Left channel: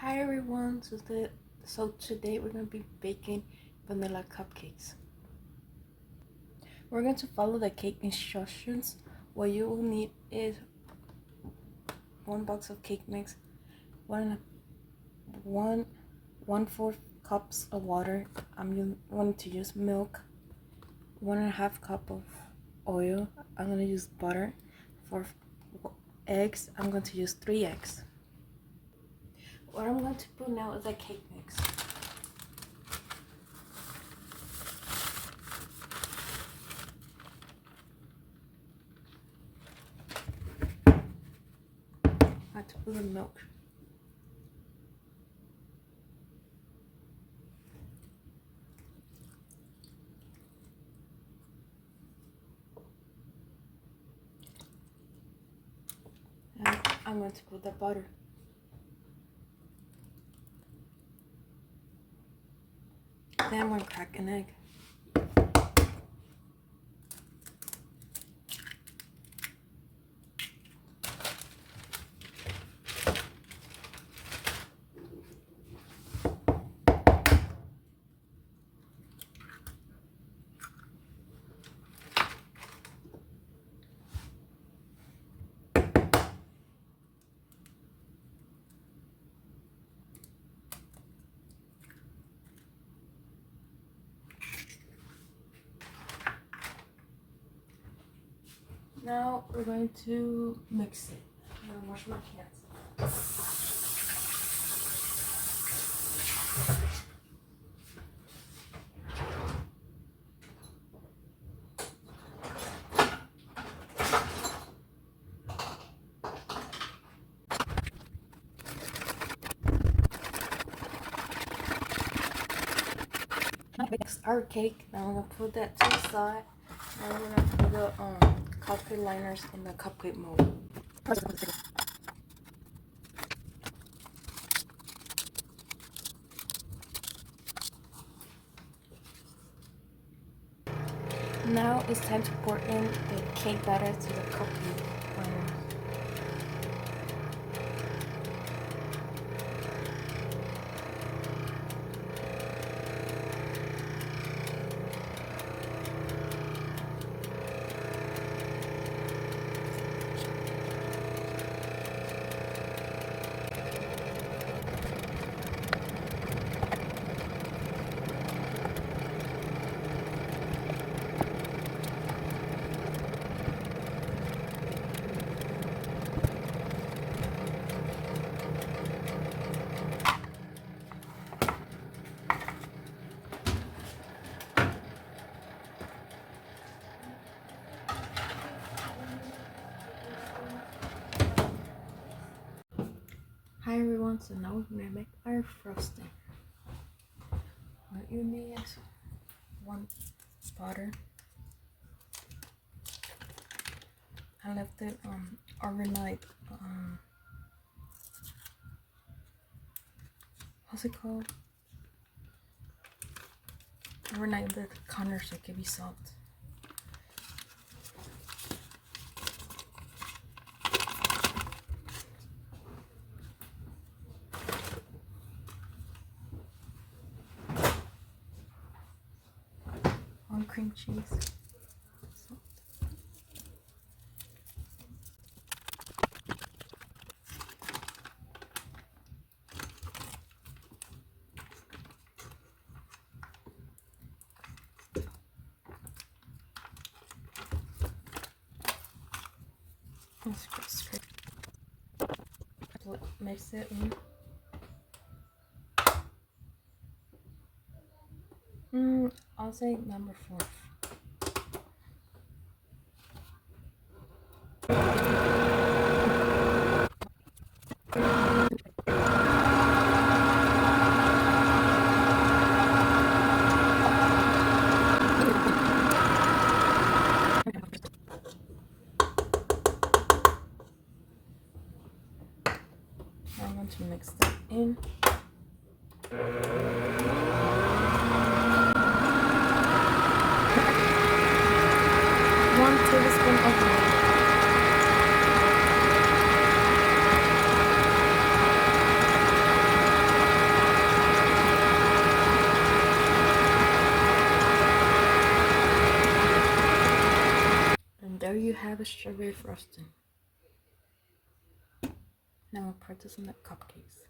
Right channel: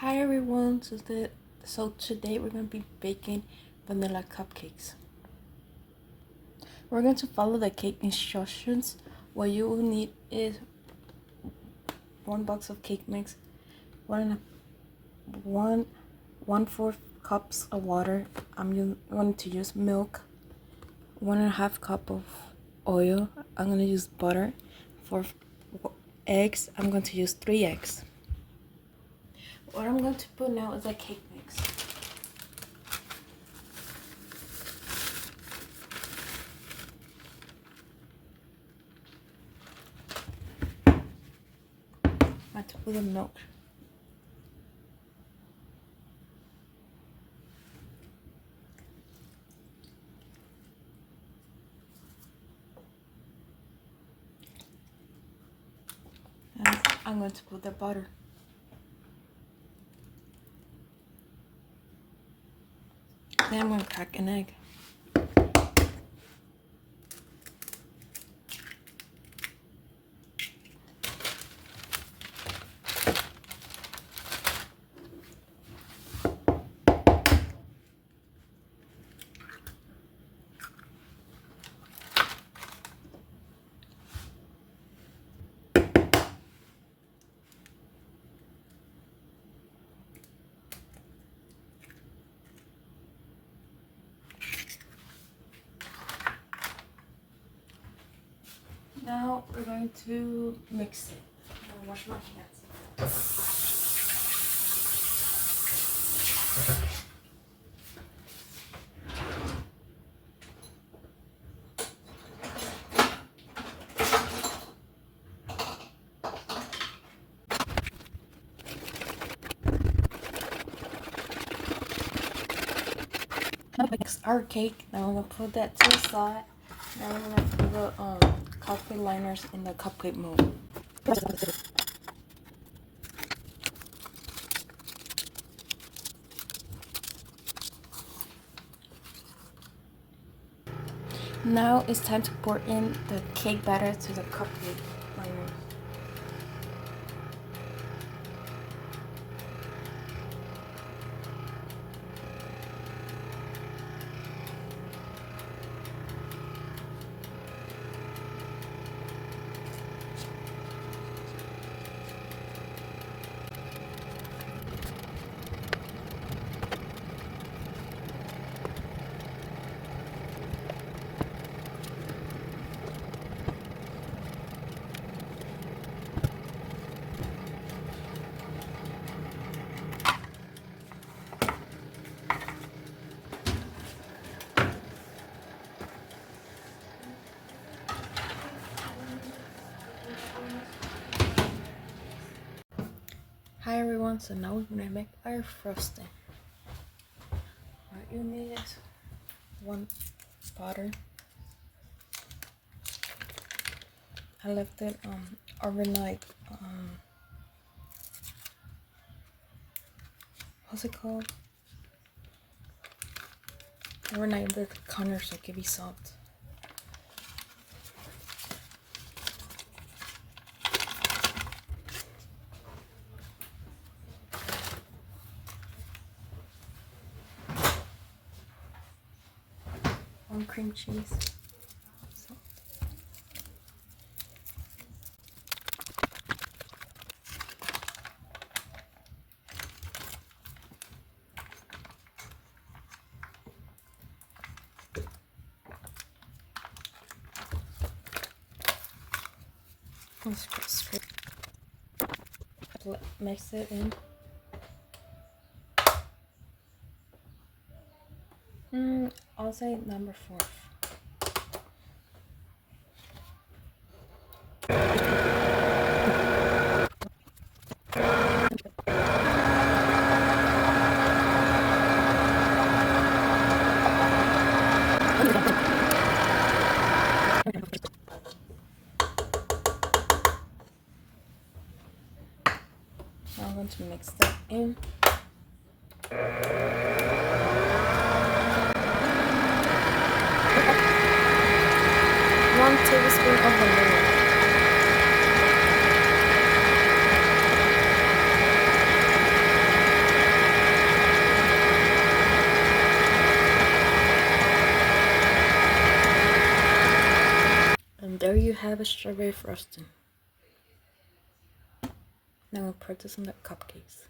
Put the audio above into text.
Hi everyone, so today we're going to be baking vanilla cupcakes. We're going to follow the cake instructions. What you will need is 1 box of cake mix, one fourth cups of water. I'm going to use milk, 1.5 cup of oil. I'm going to use butter. For eggs, I'm going to use 3 eggs. What I'm going to put now is a cake mix. I'm going to put the milk. And I'm going to put the butter. Then I'm going to crack an egg. Now we're going to mix it. I'm going to wash my hands. Now mix our cake. Now I'm going to put that to the side. Now we're going to put the cupcake liners in the cupcake mold. Now it's time to pour in the cake batter to the cupcake liner. Hi everyone, so now we're going to make our frosting. What you need is 1 butter. I left it overnight. What's it called? Overnight with Connor, so it could be salt. Cream cheese. Mix it in. I'll say number 4. I'm going to mix that in. 1 tablespoon of vanilla. have a strawberry frosting. Now I'll put this on the cupcakes.